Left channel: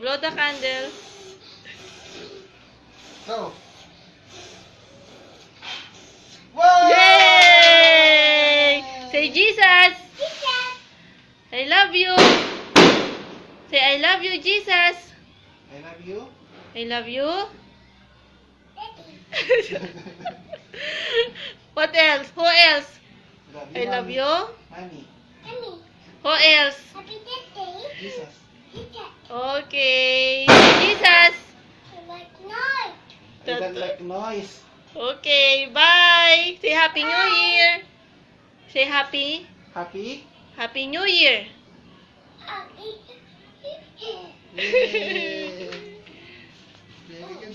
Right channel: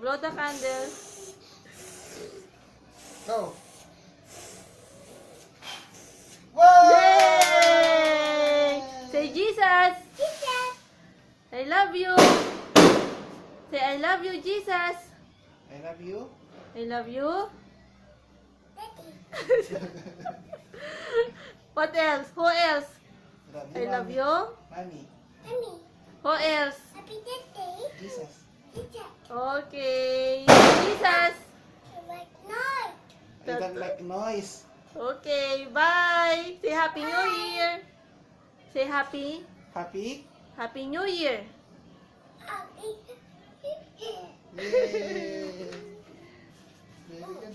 blow the candle. Go. Whoa! Yay! Say Jesus. I love you. Say I love you, Jesus. I love you. I love you. What else? Who else? I love Mommy. you. Mommy. Who else? Jesus. Okay. Jesus. I don't like noise. Okay, bye. Say Happy New Year. Say Happy New Year. Yay! Very good.